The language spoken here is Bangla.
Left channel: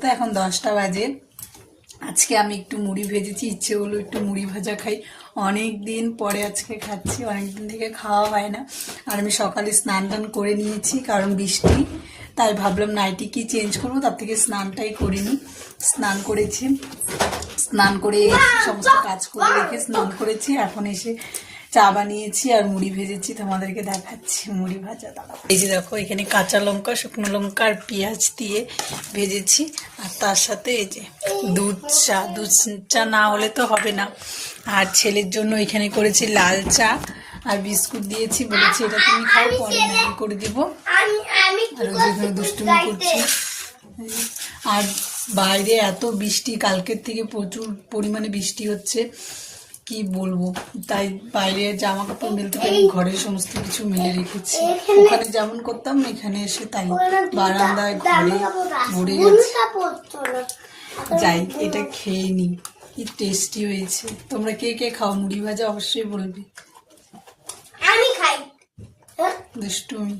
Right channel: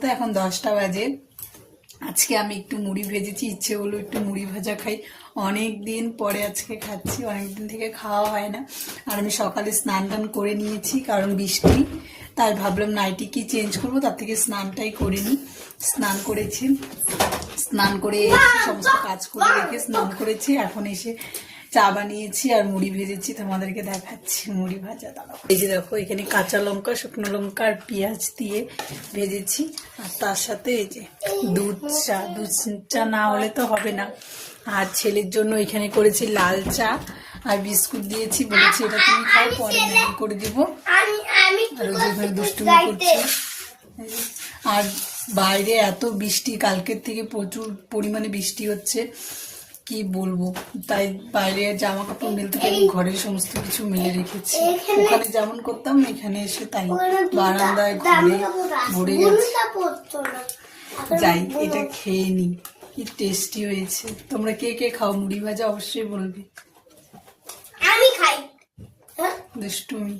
তো এখন 10টা বাজে। আজকে আমি একটু মুড়ি ভেজেছি, ইচ্ছে হলো একটু মুড়ি ভাজা খাই। অনেক দিন পরে আজকে খাচ্ছি, অনেকদিন থেকে খাওয়া হয় না। আর আমি সকালে স্নান টান করে নিয়েছি, কারণ বৃষ্টি, তাই ভাবলাম নাইটি কি চেঞ্জ করবো, তার থেকে স্নানটাই করে নিই। স্নান করেছি, স্নান করে সমস্ত কাজ করে রেখে স্নান করেছি। এখন এসে চা বানিয়েছি আর মুড়ি ভেজেছি, তোমাদেরকে দেখাচ্ছি মুড়ি ভাজা। দাঁড়াও, এই যে দেখো, এখানে কাঁচা লঙ্কা, শুকনো লঙ্কা আর পেঁয়াজ দিয়ে ভেজেছি। আর তার সাথে এই যে দুধ চা, দুধ চা না হলে তো হবে না। আর ছেলের জন্য এখানে করেছি লাল চা আর বিস্কুট দিয়েছি, বলেছি এটা তুমি খাও, পরে ম্যাগি করে দিব। আর ওই যেখানে দুষ্টুমি করছি। আর বাইরে এত বৃষ্টি, কালকের থেকে প্রচুর পরিমাণে বৃষ্টি হচ্ছে, কি বলবো। তাই বাইরে জামা কাপড় মেলতে পারি, ঘরের সমস্ত কিছু মেলে রেখেছি। ওখানে যেমন করতাম এখানে এসে তাই, বারান্দায় ঘরে ভরে গেছে। যাই, এটা খেয়ে নি, কি টেস্টি হয়েছে। তোমরা কে কে খাও মুড়ি ভাজা অবশ্যই বলবে। আমি খাই। দুষ্টুমি।